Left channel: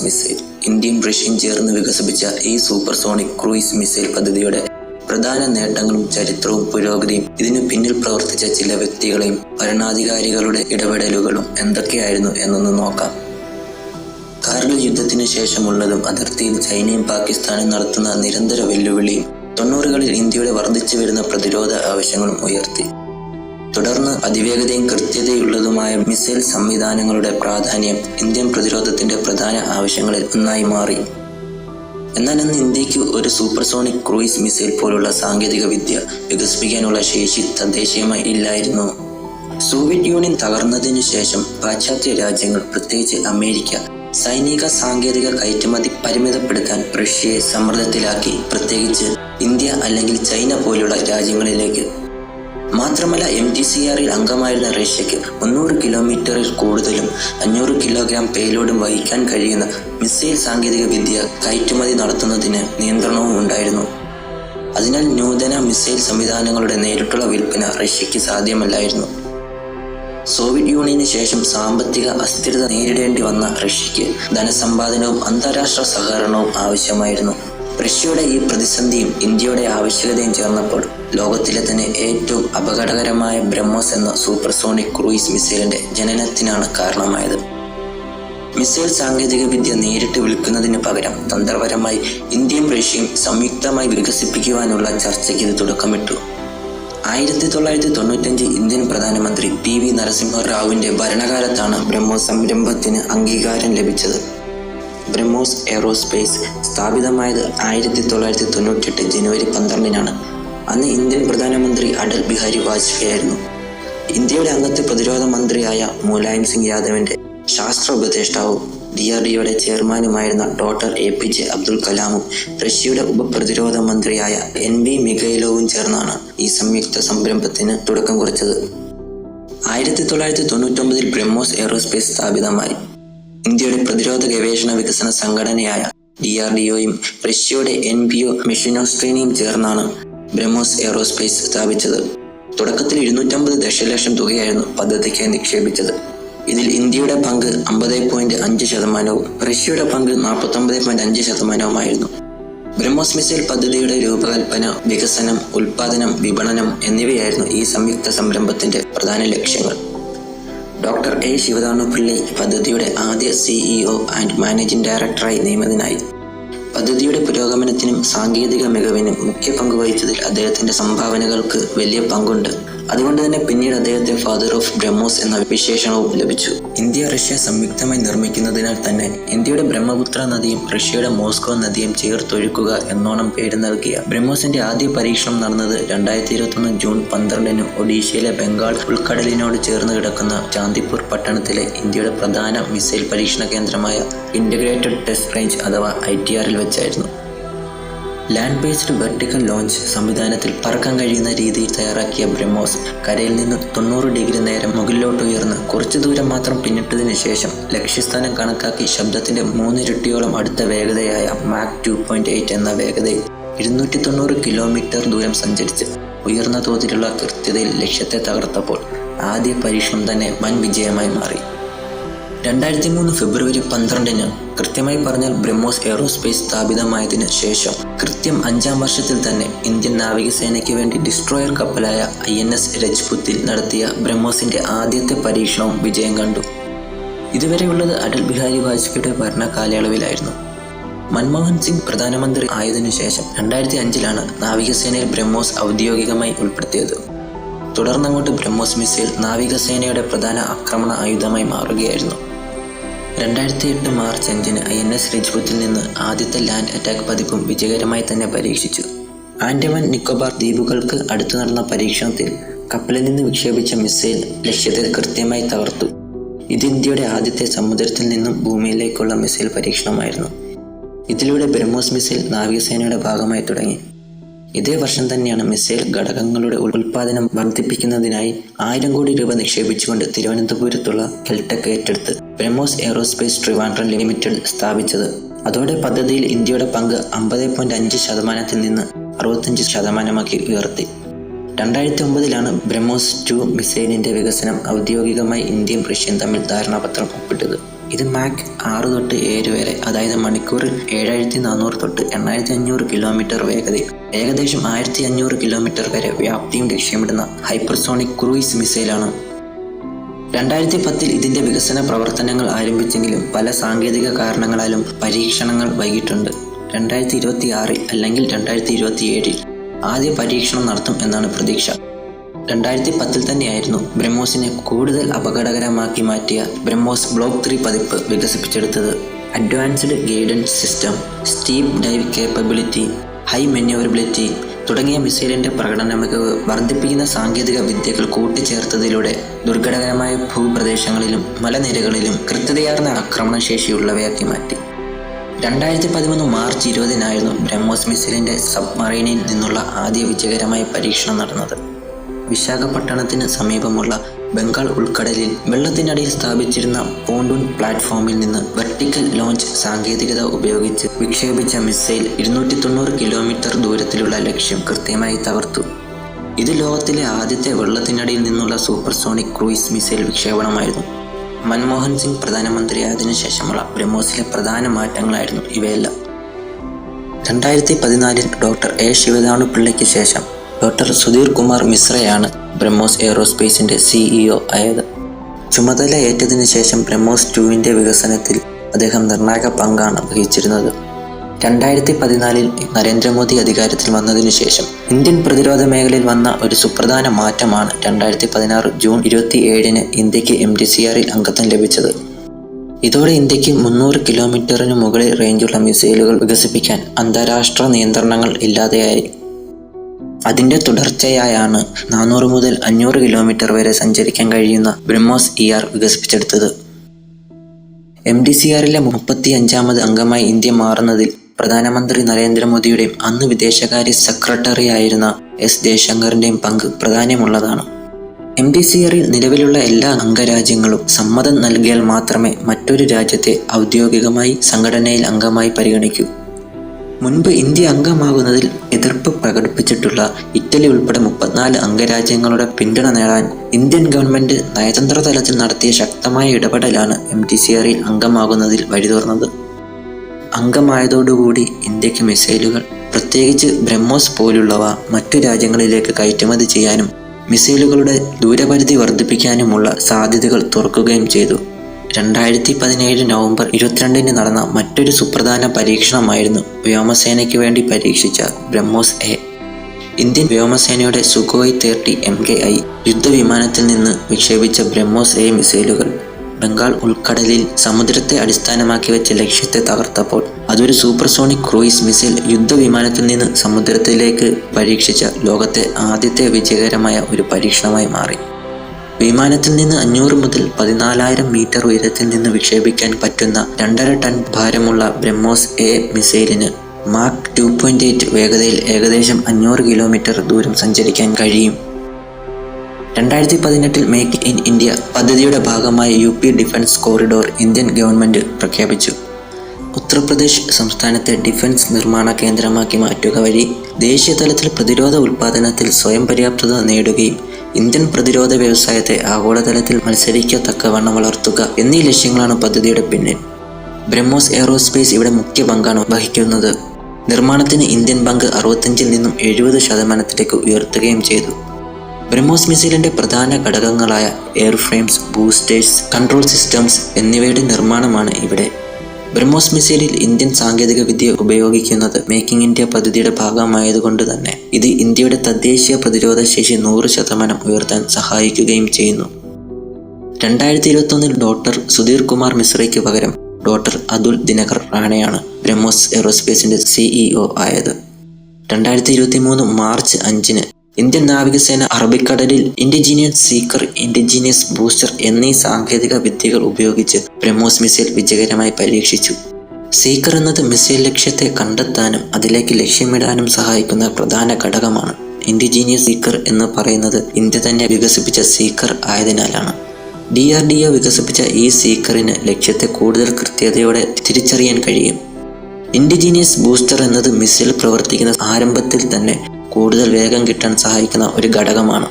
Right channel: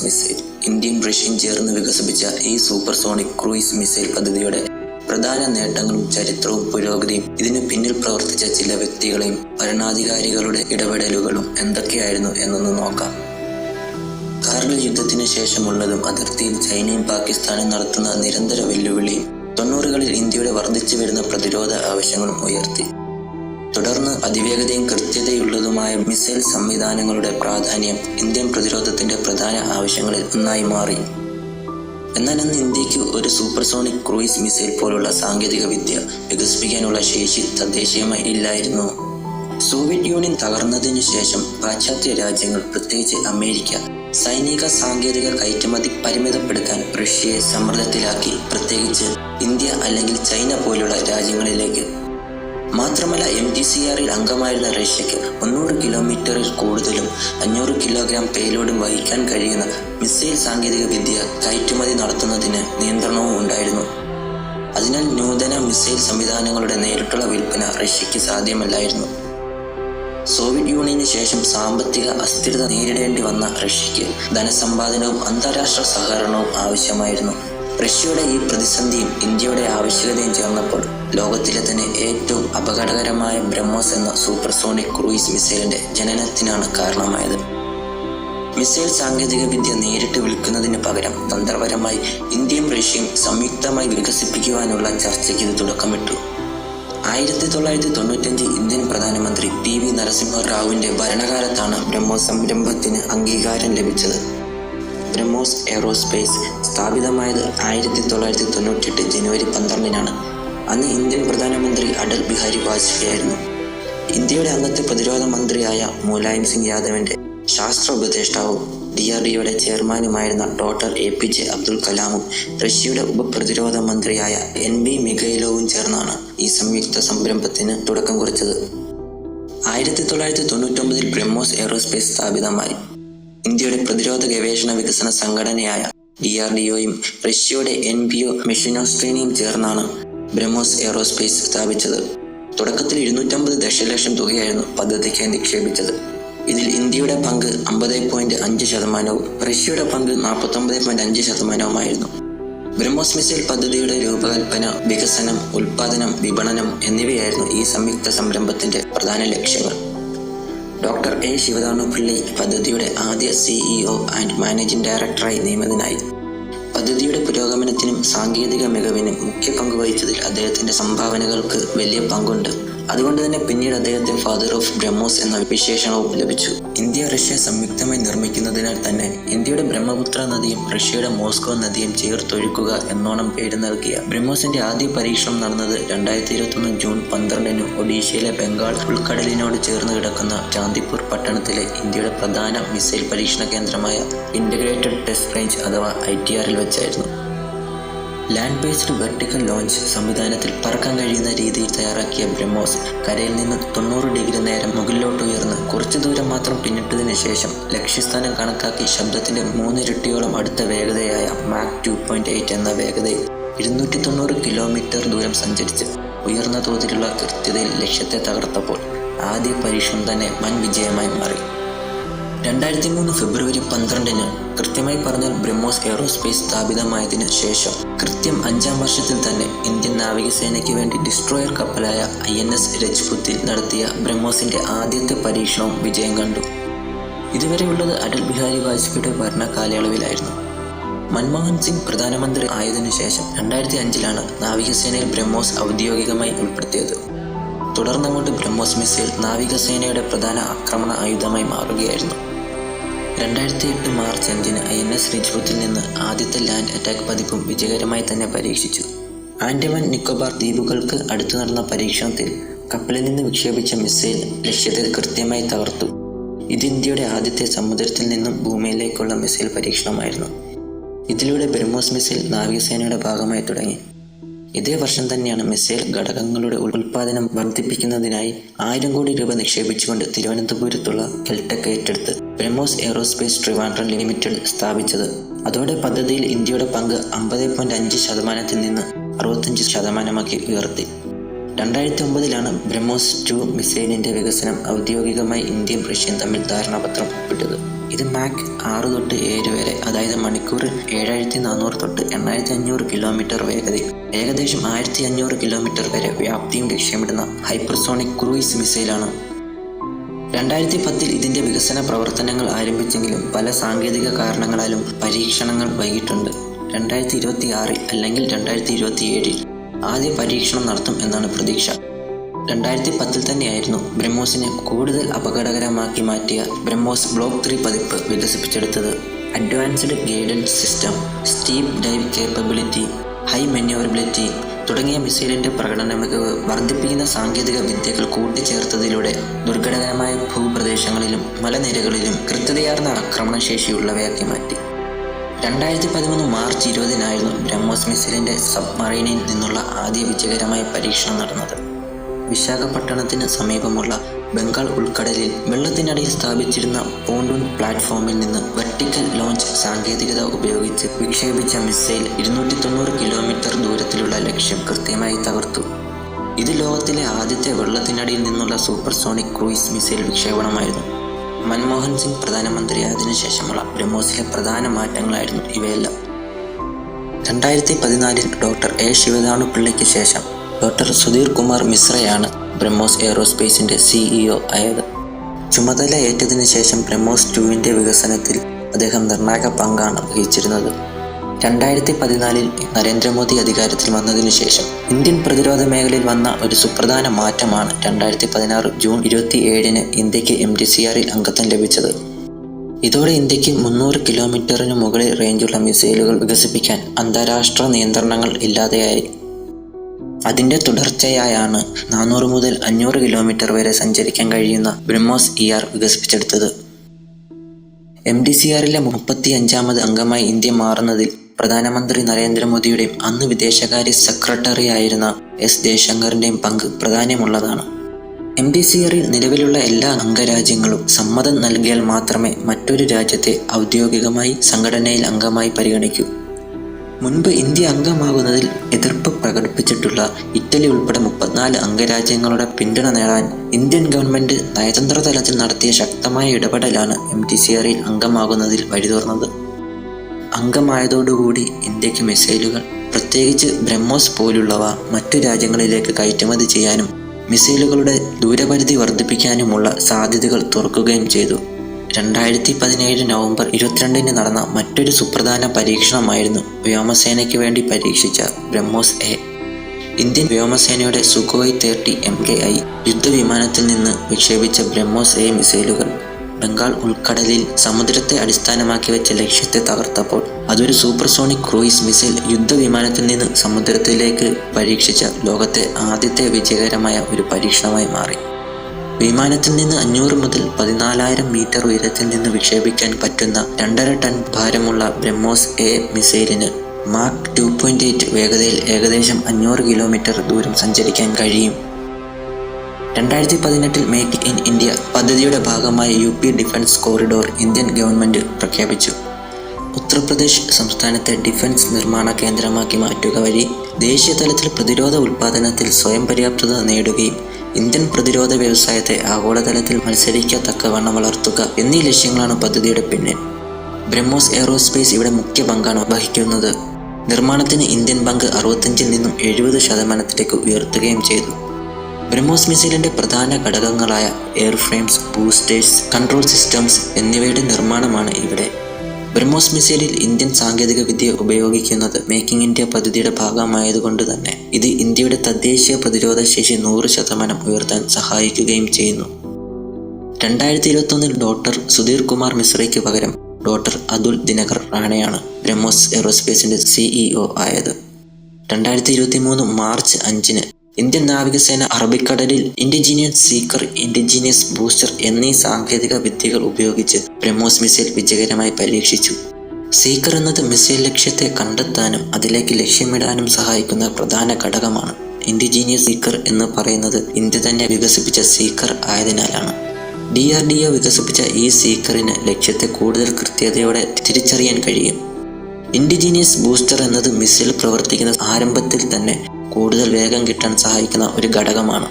BrahMos missile. ഇന്ത്യയും റഷ്യയും ചേർന്ന് വികസിപ്പിച്ച ഈ സൂപ്പർസോണിക് ക്രൂയിസ് മിസൈൽ പദ്ധതിയുടെ പ്രധാന നേട്ടങ്ങളും ചരിത്രവും പുരോഗതിയും ഇതിനു പിന്നിൽ പ്രവർത്തിച്ച ചില വ്യക്തികളെയും ഭരണാധികാരികളുടെ ഇടപെടലുകളും എന്തൊക്കെയായിരുന്നു എന്നൊന്ന് നോക്കാം. കാർഗിൽ യുദ്ധത്തിനു ശേഷമുള്ളതും അതിർത്തിയിൽ ചൈനയും പാകിസ്ഥാനും നടത്തുന്ന നിരന്തര വെല്ലുവിളിയും 90കളിൽ ഇന്ത്യയുടെ വർദ്ധിച്ചു വരുന്ന പ്രതിരോധ ആവശ്യങ്ങളും ഉയർത്തി. തുടർന്ന് അതിവേഗതയും കൃത്യതയുള്ളതുമായ മിസൈൽ സംവിധാനങ്ങളുടെ പ്രാധാന്യം ഇന്ത്യൻ പ്രതിരോധത്തിന്റെ പ്രധാന ആവശ്യങ്ങളിൽ ഒന്നായി മാറി. എന്നാൽ അന്ന് ഇന്ത്യക്ക് ഒരു സൂപ്പർസോണിക് ക്രൂയിസ് മിസൈൽ പോലുള്ള സാങ്കേതിക വിദ്യ വികസിപ്പിക്കാനുള്ള ശേഷി തദ്ദേശീയമായി ഇല്ലായിരുന്നു. സോവിയറ്റ് യൂണിയൻ തകർന്നതിനു ശേഷം പാശ്ചാത്യ രാജ്യങ്ങൾ, പ്രത്യേകിച്ച് അമേരിക്ക, സൈനിക സാങ്കേതിക കയറ്റുമതി പരിമിതപ്പെടുത്താൻ റഷ്യയെ സമ്മർദ്ദത്തിലാക്കി, പ്രത്യേകിച്ച് ഇന്ത്യ അല്ലെങ്കിൽ ചൈന പോലുള്ള രാജ്യങ്ങളിലേക്ക്. മാത്രമല്ല, MTCRൽ അംഗമായിരുന്ന റഷ്യക്ക് 300 കിലോമീറ്ററിൽ കൂടുതലും 500 കിലോഗ്രാം പേലോഡും വഹിക്കാൻ കഴിയുന്ന മിസൈൽ സാങ്കേതിക വിദ്യ കയറ്റുമതി നടത്തുന്നതിന് നിയന്ത്രണവും ഉണ്ടായിരുന്നു. അതിനാൽ നൂതന മിസൈൽ സംവിധാനങ്ങളുടെ നേരിട്ടുള്ള വിൽപ്പന റഷ്യക്ക് സാധ്യമല്ലായിരുന്നു. സോവിയറ്റ് യൂണിയന് ശേഷം സാമ്പത്തിക അസ്ഥിരത നേരിടേണ്ടി വന്ന റഷ്യക്ക് ധനസമ്പാദനവും അന്താരാഷ്ട്ര സഹകരണവും ആവശ്യമായിരുന്നു. റഷ്യയുടെ ഈ പ്രതിസന്ധിയും ഇന്ത്യയുടെ ആവശ്യകതയും ചേർന്നപ്പോൾ ലോകത്തിലെ തന്നെ ഏറ്റവും അപകടകരമായ ബ്രഹ്മോസ് എന്ന സൂപ്പർസോണിക് ക്രൂയിസ് മിസൈലിന്റെ ജനനത്തിനാണ് കാരണമായത്. മിസൈൽ സാങ്കേതിക വിദ്യ നേരിട്ട് വിൽക്കുന്നതിന് പകരം തന്ത്രപരമായി ഇന്ത്യയും റഷ്യയും സംയുക്തമായി വികസിപ്പിക്കുവാനുള്ള ചർച്ചയ്ക്ക് ഇത് തുടക്കമിട്ടു. 1995 ഇന്ത്യൻ പ്രധാനമന്ത്രി PV നരസിംഹ റാവുവിന്റെ ഭരണകാലത്താണ് ബ്രഹ്മോസ് സംരംഭത്തിന് അംഗീകാരം ലഭിച്ചത്. ബ്രഹ്മോസ് എയ്റോസ്പേസ് സ്ഥാപിതമായത് 1998 ജനുവരി 12-നാണ്. അന്ന് ഇന്ത്യൻ പ്രധാനമന്ത്രി അടൽ ബിഹാരി വാജ്പേയി ആയിരുന്നു. ഇന്ത്യയുടെ അന്നത്തെ പ്രതിരോധ മന്ത്രിയായ മുലായം സിംഗ് യാദവിന്റെ ശാസ്ത്ര ഉപദേഷ്ടാവും DRDOയുടെ ചെയർമാനുമായിരുന്ന ഡോക്ടർ APJ അബ്ദുൽ കലാമും റഷ്യയുടെ ഉപപ്രതിരോധ മന്ത്രിയായ NV മിഖൈലോവും ചേർന്നാണ് ഈ സംയുക്ത സംരംഭത്തിന് തുടക്കം കുറിച്ചത്. 1999 ബ്രഹ്മോസ് എയ്റോസ്പേസ് സ്ഥാപിതമായി. ഇന്ത്യയുടെ പ്രതിരോധ ഗവേഷണ വികസന സംഘടനയായ DRDOയും റഷ്യയുടെ NPO മെഷിനോസ്ട്രീനയും ചേർന്നാണ് ബ്രഹ്മോസ് എയ്റോസ്പേസ് സ്ഥാപിച്ചത്. തുടക്കത്തിൽ 250 ദശലക്ഷം തുകയായിരുന്നു പദ്ധതിക്കായി നിക്ഷേപിച്ചത്. ഇതിൽ ഇന്ത്യയുടെ പങ്ക് 50.5%, റഷ്യയുടെ പങ്ക് 49.5%. ബ്രഹ്മോസ് മിസൈൽ പദ്ധതിയുടെ രൂപകൽപ്പന, വികസനം, ഉൽപാദനം, വിപണനം എന്നിവയായിരുന്നു ഈ സംയുക്ത സംരംഭത്തിന്റെ പ്രധാന ലക്ഷ്യങ്ങൾ. ഡോക്ടർ A ശിവദാനുപിള്ളി പദ്ധതിയുടെ ആദ്യ CEO ആൻഡ് മാനേജിംഗ് ഡയറക്ടറായി നിയമിതനായി. പദ്ധതിയുടെ പുരോഗമനത്തിനും സാങ്കേതിക മികവിനും മുഖ്യ പങ്ക് വഹിച്ചതിൽ അദ്ദേഹത്തിന്റെ സംഭാവനകൾക്ക് വലിയ പങ്കുണ്ട്. അതുകൊണ്ട് തന്നെ പിന്നീട് അദ്ദേഹത്തെ ഫാദർ ഓഫ് ബ്രഹ്മോസ് എന്ന വിശേഷണവും ലഭിച്ചു. ഇന്ത്യ റഷ്യ സംയുക്തമായി നിർമ്മിക്കുന്നതിനാൽ തന്നെ ഇന്ത്യയുടെ ബ്രഹ്മപുത്ര നദിയും റഷ്യയുടെ മോസ്കോ നദിയും ചേർത്തൊഴുക്കുക എന്നോണം പേര് നൽകിയ ബ്രഹ്മോസിന്റെ ആദ്യ പരീക്ഷണം നടന്നത് 2021 ജൂൺ 12-ന് ഒഡീഷയിലെ ബംഗാൾ ഉൾക്കടലിനോട് ചേർന്ന് കിടക്കുന്ന ചാന്ദിപ്പൂർ പട്ടണത്തിലെ ഇന്ത്യയുടെ പ്രധാന മിസൈൽ പരീക്ഷണ കേന്ദ്രമായ ഇന്റഗ്രേറ്റഡ് ടെസ്റ്റ് റേഞ്ച് അഥവാ ITRൽ വെച്ചായിരുന്നു. ലാൻഡ് ബേസ്ഡ് വെർട്ടിക്കൽ ലോഞ്ച് സംവിധാനത്തിൽ പറക്കാൻ കഴിയുന്ന രീതിയിൽ തയ്യാറാക്കിയ ബ്രഹ്മോസ് കരയിൽ നിന്ന് 90 ഡിഗ്രി നേരം മുകളിലോട്ട് ഉയർന്ന് കുറച്ചു ദൂരം മാത്രം പിന്നിട്ടതിന് ശേഷം ലക്ഷ്യസ്ഥാനം കണക്കാക്കി ശബ്ദത്തിന്റെ 3 ഇരട്ടിയോളം അടുത്ത വേഗതയായ മാക് 2.8 എന്ന വേഗതയിൽ 290 കിലോമീറ്റർ ദൂരം സഞ്ചരിച്ച് ഉയർന്ന തോതിലുള്ള കൃത്യതയിൽ ലക്ഷ്യത്തെ തകർത്തപ്പോൾ ആദ്യ പരീക്ഷണം തന്നെ വൻ വിജയമായി മാറി. 2003 ഫെബ്രുവരി 12-ന്, കൃത്യമായി പറഞ്ഞാൽ ബ്രഹ്മോസ് എയ്റോസ്പേസ് സ്ഥാപിതമായതിനു ശേഷം കൃത്യം 5-ാം വർഷത്തിൽ തന്നെ ഇന്ത്യൻ നാവികസേനയ്ക്ക് വേണ്ടി ഡിസ്ട്രോയർ കപ്പലായ INS രജ്പുത്തിൽ നടത്തിയ ബ്രഹ്മോസിന്റെ ആദ്യത്തെ പരീക്ഷണവും വിജയം കണ്ടു. ഇതുവരെയുള്ളത് അടൽ ബിഹാരി വാജ്പേയിയുടെ ഭരണ കാലയളവിലായിരുന്നു. മൻമോഹൻ സിംഗ് പ്രധാനമന്ത്രി ആയതിനു ശേഷം 2005-ലാണ് നാവികസേനയിൽ ബ്രഹ്മോസ് ഔദ്യോഗികമായി ഉൾപ്പെടുത്തിയത്. തുടർന്നങ്ങോട്ട് ബ്രഹ്മോസ് മിസൈൽ നാവികസേനയുടെ പ്രധാന ആക്രമണ ആയുധമായി മാറുകയായിരുന്നു. 2008 മാർച്ച് 5-ന് INS രജ്പുത്തിൽ നിന്ന് ആദ്യത്തെ ലാൻഡ് അറ്റാക്ക് പതിപ്പും വിജയകരമായി തന്നെ പരീക്ഷിച്ചു. ആൻഡമാൻ നിക്കോബാർ ദ്വീപുകൾക്ക് അടുത്ത് നടന്ന പരീക്ഷണത്തിൽ കപ്പലിൽ നിന്ന് വിക്ഷേപിച്ച മിസൈൽ ലക്ഷ്യത്തെ കൃത്യമായി തകർത്തു. ഇത് ഇന്ത്യയുടെ ആദ്യത്തെ സമുദ്രത്തിൽ നിന്നും ഭൂമിയിലേക്കുള്ള മിസൈൽ പരീക്ഷണമായിരുന്നു. ഇതിലൂടെ ബ്രഹ്മോസ് മിസൈൽ നാവികസേനയുടെ ഭാഗമായി തുടങ്ങി. ഇതേ വർഷം തന്നെയാണ് മിസൈൽ ഘടകങ്ങളുടെ ഉൽപാദനം വർദ്ധിപ്പിക്കുന്നതിനായി 1000 കോടി രൂപ നിക്ഷേപിച്ചുകൊണ്ട് തിരുവനന്തപുരത്തുള്ള കെൽടെക് ഏറ്റെടുത്ത് ബ്രഹ്മോസ് എയ്റോസ്പേസ് ട്രിവാൻഡ്രം ലിമിറ്റഡ് സ്ഥാപിച്ചത്. അതോടെ പദ്ധതിയിൽ ഇന്ത്യയുടെ പങ്ക് 50.5%-ൽ നിന്ന് 65%-ആക്കി ഉയർത്തി. 2009-ലാണ് ബ്രഹ്മോസ് 2 മിസൈലിന്റെ വികസനം ഔദ്യോഗികമായി ഇന്ത്യയും റഷ്യയും തമ്മിൽ ധാരണാപത്രം ഒപ്പിട്ടത്. ഇത് മാക് 6 തൊട്ട് 7 വരെ, അതായത് മണിക്കൂറിൽ 7400 തൊട്ട് 8500 കിലോമീറ്റർ വേഗതയിൽ ഏകദേശം 1500 കിലോമീറ്റർ വരെ വ്യാപ്തിയും ലക്ഷ്യമിടുന്ന ഹൈപ്പർസോണിക് ക്രൂയിസ് മിസൈലാണ്. 2010 ഇതിന്റെ വികസന പ്രവർത്തനങ്ങൾ ആരംഭിച്ചെങ്കിലും പല സാങ്കേതിക കാരണങ്ങളാലും പരീക്ഷണങ്ങൾ വൈകിട്ടുണ്ട്. 2026 അല്ലെങ്കിൽ 2027 ആദ്യ പരീക്ഷണം നടത്തും എന്നാണ് പ്രതീക്ഷ. 2010 തന്നെയായിരുന്നു ബ്രഹ്മോസിനെ കൂടുതൽ അപകടകരമാക്കി മാറ്റിയ ബ്രഹ്മോസ് ബ്ലോക്ക് 3 പതിപ്പ് വികസിപ്പിച്ചെടുത്തത്. Advanced guidance system, steep dive capability, high manoeuvrability തുടങ്ങിയ മിസൈലിന്റെ പ്രകടന മികവ് വർദ്ധിപ്പിക്കുന്ന സാങ്കേതിക വിദ്യകൾ കൂട്ടിച്ചേർത്തതിലൂടെ ദുർഘടകരമായ ഭൂപ്രദേശങ്ങളിലും മലനിരകളിലും കൃത്യതയാർന്ന ആക്രമണശേഷിയുള്ളവയാക്കി മാറ്റി. 2013 മാർച്ച് 20-നായിരുന്നു ബ്രഹ്മോസ് മിസൈലിന്റെ സബ്മറൈനിൽ നിന്നുള്ള ആദ്യ വിജയകരമായ പരീക്ഷണം നടന്നത്. വിശാഖപട്ടണത്തിന് സമീപമുള്ള ബംഗാൾ ഉൾക്കടലിൽ വെള്ളത്തിനടിയിൽ സ്ഥാപിച്ചിരുന്ന പോണ്ടൂൺ പ്ലാറ്റ്ഫോമിൽ നിന്ന് വെർട്ടിക്കൽ ലോഞ്ച് സാങ്കേതികത ഉപയോഗിച്ച് വിക്ഷേപിച്ച മിസൈൽ 290 കിലോമീറ്റർ ദൂരത്തിലുള്ള ലക്ഷ്യം കൃത്യമായി തകർത്തു. ഇത് ലോകത്തിലെ ആദ്യത്തെ വെള്ളത്തിനടിയിൽ നിന്നുള്ള സൂപ്പർസോണിക് ക്രൂയിസ് മിസൈൽ വിക്ഷേപണമായിരുന്നു. മൻമോഹൻ സിംഗ് പ്രധാനമന്ത്രിയായതിനു ശേഷമുള്ള ബ്രഹ്മോസിലെ പ്രധാന മാറ്റങ്ങളായിരുന്നു ഇവയെല്ലാം. 2014 ഡോക്ടർ എ ശിവദാണു പിള്ളയ്ക്ക് ശേഷം ഡോക്ടർ സുധീർ കുമാർ മിശ്രയാണ് ബ്രഹ്മോസ് എയ്റോസ്പേസിന്റെ CEO ആയത്. ചുമതലയേറ്റതിനു ശേഷം ബ്രഹ്മോസ് 2-ന്റെ വികസനത്തിൽ അദ്ദേഹം നിർണായക പങ്കാണ് വഹിച്ചിരുന്നത്. 2014 നരേന്ദ്രമോദി അധികാരത്തിൽ വന്നതിനു ശേഷം ഇന്ത്യൻ പ്രതിരോധ മേഖലയിൽ വന്ന ഒരു സുപ്രധാന മാറ്റമാണ് 2016 ജൂൺ 27-ന് ഇന്ത്യക്ക് MTCR-ൽ അംഗത്വം ലഭിച്ചത്. ഇതോടെ ഇന്ത്യക്ക് 300 കിലോമീറ്ററിന് മുകളിൽ റേഞ്ചുള്ള മിസൈലുകൾ വികസിപ്പിക്കാൻ അന്താരാഷ്ട്ര നിയന്ത്രണങ്ങൾ ഇല്ലാതെയായി. അതിന്റെ തുടർച്ചയായാണ് 400 മുതൽ 500 കിലോമീറ്റർ വരെ സഞ്ചരിക്കാൻ കഴിയുന്ന ബ്രഹ്മോസ് ER വികസിപ്പിച്ചെടുത്തത്. MTCR-ലെ 35-ാമത് അംഗമായി ഇന്ത്യ മാറുന്നതിൽ പ്രധാനമന്ത്രി നരേന്ദ്രമോദിയുടെയും അന്ന് വിദേശകാര്യ സെക്രട്ടറി ആയിരുന്ന S ജയശങ്കറിന്റെയും പങ്ക് പ്രാധാന്യമുള്ളതാണ്. MTCR-ൽ നിലവിലുള്ള എല്ലാ അംഗരാജ്യങ്ങളും സമ്മതം നൽകിയാൽ മാത്രമേ മറ്റൊരു രാജ്യത്തെ ഔദ്യോഗികമായി സംഘടനയിൽ അംഗമായി പരിഗണിക്കൂ. മുൻപ് ഇന്ത്യ അംഗമാകുന്നതിൽ എതിർപ്പ് പ്രകടിപ്പിച്ചിട്ടുള്ള ഇറ്റലി ഉൾപ്പെടെ 34 അംഗരാജ്യങ്ങളുടെ പിന്തുണ നേടാൻ ഇന്ത്യൻ ഗവൺമെന്റ് നയതന്ത്ര തലത്തിൽ നടത്തിയ ശക്തമായ ഇടപെടലാണ് MTCR-ൽ അംഗമാകുന്നതിൽ വഴിതുറന്നത്. അംഗമായതോടുകൂടി ഇന്ത്യക്ക് മിസൈലുകൾ, പ്രത്യേകിച്ച് ബ്രഹ്മോസ് പോലുള്ളവ മറ്റു രാജ്യങ്ങളിലേക്ക് കയറ്റുമതി ചെയ്യാനും മിസൈലുകളുടെ ദൂരപരിധി വർദ്ധിപ്പിക്കാനുമുള്ള സാധ്യതകൾ തുറക്കുകയും ചെയ്തു. 2017 നവംബർ 22-ന് നടന്ന മറ്റൊരു സുപ്രധാന പരീക്ഷണമായിരുന്നു വ്യോമസേനയ്ക്ക് വേണ്ടി പരീക്ഷിച്ച ബ്രഹ്മോസ് A. ഇന്ത്യൻ വ്യോമസേനയുടെ സുഖോയ് 30 MKI യുദ്ധവിമാനത്തിൽ നിന്ന് വിക്ഷേപിച്ച ബ്രഹ്മോസ് A മിസൈലുകൾ ബംഗാൾ ഉൾക്കടലിൽ സമുദ്രത്തെ അടിസ്ഥാനമാക്കി വെച്ച ലക്ഷ്യത്തെ തകർത്തപ്പോൾ അതൊരു സൂപ്പർസോണിക് ക്രൂയിസ് മിസൈൽ യുദ്ധവിമാനത്തിൽ നിന്ന് സമുദ്രത്തിലേക്ക് പരീക്ഷിച്ച ലോകത്തെ ആദ്യത്തെ വിജയകരമായ ഒരു പരീക്ഷണമായി മാറി. വിമാനത്തിൽ നിന്ന് 500 മുതൽ 14,000 മീറ്റർ ഉയരത്തിൽ നിന്ന് വിക്ഷേപിക്കാൻ പറ്റുന്ന 2.5 ടൺ ഭാരമുള്ള ബ്രഹ്മോസ് A മിസൈലിന് മാക് 2.8 വേഗതയിൽ ഏകദേശം 500 കിലോമീറ്റർ ദൂരം സഞ്ചരിക്കാൻ കഴിയും. 2018 മേക്ക് ഇൻ ഇന്ത്യ പദ്ധതിയുടെ ഭാഗമായ UP defence corridor Indian government പ്രഖ്യാപിച്ചു. ഉത്തർപ്രദേശ് സംസ്ഥാനത്തെ ഡിഫൻസ് നിർമ്മാണ കേന്ദ്രമാക്കി മാറ്റുക വഴി ദേശീയ തലത്തിൽ പ്രതിരോധ ഉൽപ്പാദനത്തിൽ സ്വയം പര്യാപ്തത നേടുകയും ഇന്ത്യൻ പ്രതിരോധ വ്യവസായത്തെ ആഗോളതലത്തിൽ മത്സരിക്കത്തക്കവണ്ണം വളർത്തുക എന്നീ ലക്ഷ്യങ്ങളാണ് പദ്ധതിയുടെ പിന്നിൽ. ബ്രഹ്മോസ് എയ്റോസ്പേസ് ഇവിടെ മുഖ്യ പങ്കാണ് വഹിക്കുന്നത്. നിർമ്മാണത്തിന് ഇന്ത്യൻ പങ്ക് 65-ൽ നിന്നും 70% ഉയർത്തുകയും ചെയ്തു. ബ്രഹ്മോസ് മിസൈലിന്റെ പ്രധാന ഘടകങ്ങളായ എയർഫ്രെയിംസ്, ബൂസ്റ്റേഴ്സ്, കൺട്രോൾ സിസ്റ്റംസ് എന്നിവയുടെ നിർമ്മാണമാണ് ഇവിടെ. ബ്രഹ്മോസ് മിസൈലിൽ ഇന്ത്യൻ സാങ്കേതിക വിദ്യ ഉപയോഗിക്കുന്നത് മേക്ക് ഇൻ ഇന്ത്യ പദ്ധതിയുടെ ഭാഗമായതുകൊണ്ട് തന്നെ ഇത് ഇന്ത്യയുടെ തദ്ദേശീയ പ്രതിരോധ ശേഷി 100% ഉയർത്താൻ സഹായിക്കുകയും ചെയ്യുന്നു. 2021 ഡോക്ടർ സുധീർ കുമാർ മിശ്രയ്ക്ക് പകരം ഡോക്ടർ അതുൽ ദിനകർ റാണയാണ് ബ്രഹ്മോസ് എയ്റോസ്പേസിന്റെ CEO ആയത്. 2023 മാർച്ച് 5-ന് ഇന്ത്യൻ നാവികസേന അറബിക്കടലിൽ ഇൻഡിജീനിയസ് സീക്കർ, ഇൻഡിജീനിയസ് ബൂസ്റ്റർ എന്നീ സാങ്കേതിക വിദ്യകൾ ഉപയോഗിച്ച് ബ്രഹ്മോസ് മിസൈൽ വിജയകരമായി പരീക്ഷിച്ചു. സീക്കർ എന്നത് മിസൈൽ ലക്ഷ്യത്തെ കണ്ടെത്താനും അതിലേക്ക് ലക്ഷ്യമിടാനും സഹായിക്കുന്ന പ്രധാന ഘടകമാണ്. ഇൻഡിജീനിയസ് സീക്കർ എന്ന് പറയുന്നത് ഇന്ത്യ തന്നെ വികസിപ്പിച്ച സീക്കർ ആയതിനാലാണ്. DRDO വികസിപ്പിച്ച ഈ സീക്കറിന് ലക്ഷ്യത്തെ കൂടുതൽ കൃത്യതയോടെ തിരിച്ചറിയാൻ കഴിയും. ഇൻഡിജീനിയസ് ബൂസ്റ്റർ എന്നത് മിസൈൽ പ്രവർത്തിക്കുന്ന ആരംഭത്തിൽ തന്നെ കൂടുതൽ വേഗം കിട്ടാൻ സഹായിക്കുന്ന ഒരു ഘടകമാണ്.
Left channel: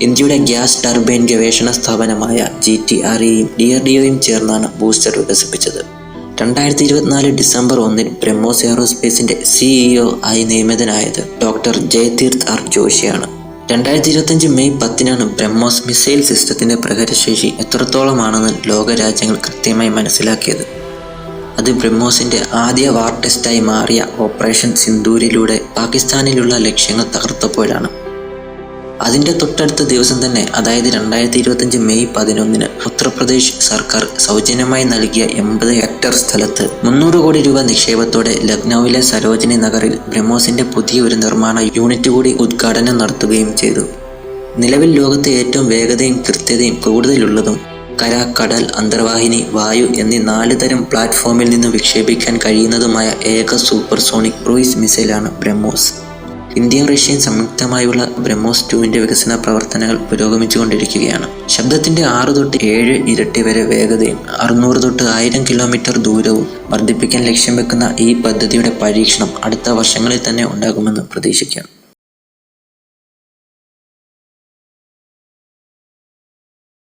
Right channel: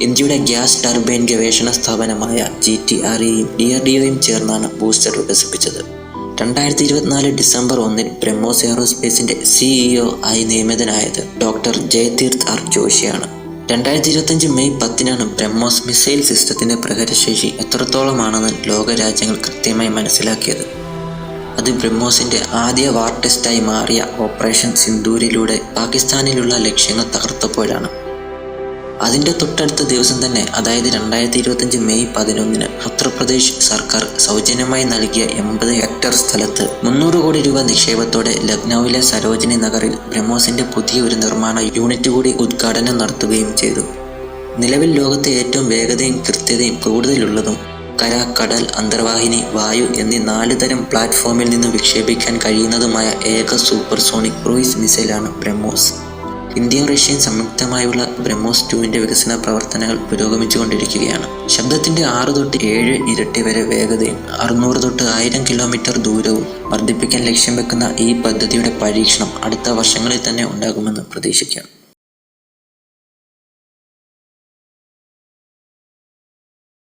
ഇന്ത്യയുടെ ഗ്യാസ് ടർബൈൻ ഗവേഷണ സ്ഥാപനമായ GTREയും DRDOയും ചേർന്നാണ് ബൂസ്റ്റർ വികസിപ്പിച്ചത്. 2024 ഡിസംബർ 1 ബ്രഹ്മോസ് എയറോസ്പേസിന്റെ CEO ആയി നിയമിതനായത് ഡോക്ടർ ജയതീർത്ത് ആർ ജോഷിയാണ്. 2025 മെയ് 10 ബ്രഹ്മോസ് മിസൈൽ സിസ്റ്റത്തിന്റെ പ്രഹരശേഷി എത്രത്തോളമാണെന്ന് ലോകരാജ്യങ്ങൾ കൃത്യമായി മനസ്സിലാക്കിയത്. അത് ബ്രഹ്മോസിന്റെ ആദ്യ വാർ ടെസ്റ്റായി മാറിയ ഓപ്പറേഷൻ സിന്ദൂരിലൂടെ പാകിസ്ഥാനിലുള്ള ലക്ഷ്യങ്ങൾ തകർത്തപ്പോഴാണ്. അതിന്റെ തൊട്ടടുത്ത ദിവസം തന്നെ, അതായത് 2025 മെയ് 11 ഉത്തർപ്രദേശ് സർക്കാർ സൗജന്യമായി നൽകിയ 80 ഹെക്ടർ സ്ഥലത്ത് 300 കോടി രൂപ നിക്ഷേപത്തോടെ ലക്നൌവിലെ സരോജിനി നഗറിൽ ബ്രഹ്മോസിന്റെ പുതിയ ഒരു നിർമ്മാണ യൂണിറ്റ് കൂടി ഉദ്ഘാടനം നടത്തുകയും ചെയ്തു. നിലവിൽ ലോകത്തെ ഏറ്റവും വേഗതയും കൃത്യതയും കൂടുതലുള്ളതും കര, കടൽ, അന്തർവാഹിനി, വായു എന്നീ 4 തരം പ്ലാറ്റ്ഫോമിൽ നിന്ന് വിക്ഷേപിക്കാൻ കഴിയുന്നതുമായ ഏക സൂപ്പർസോണിക് ക്രൂയിസ് മിസൈലാണ് ബ്രഹ്മോസ്. ഇന്ത്യയും റഷ്യയും സംയുക്തമായുള്ള ബ്രഹ്മോസ് 2ന്റെ വികസന പ്രവർത്തനങ്ങൾ പുരോഗമിച്ചുകൊണ്ടിരിക്കുകയാണ്. ശബ്ദത്തിന്റെ 6 തൊട്ട് 7 ഇരട്ടി വരെ വേഗതയും 600 തൊട്ട് 1000 കിലോമീറ്റർ ദൂരവും വർദ്ധിപ്പിക്കാൻ ലക്ഷ്യം വെക്കുന്ന ഈ പദ്ധതിയുടെ പരീക്ഷണം അടുത്ത വർഷങ്ങളിൽ തന്നെ ഉണ്ടാകുമെന്ന് പ്രതീക്ഷിക്കാം.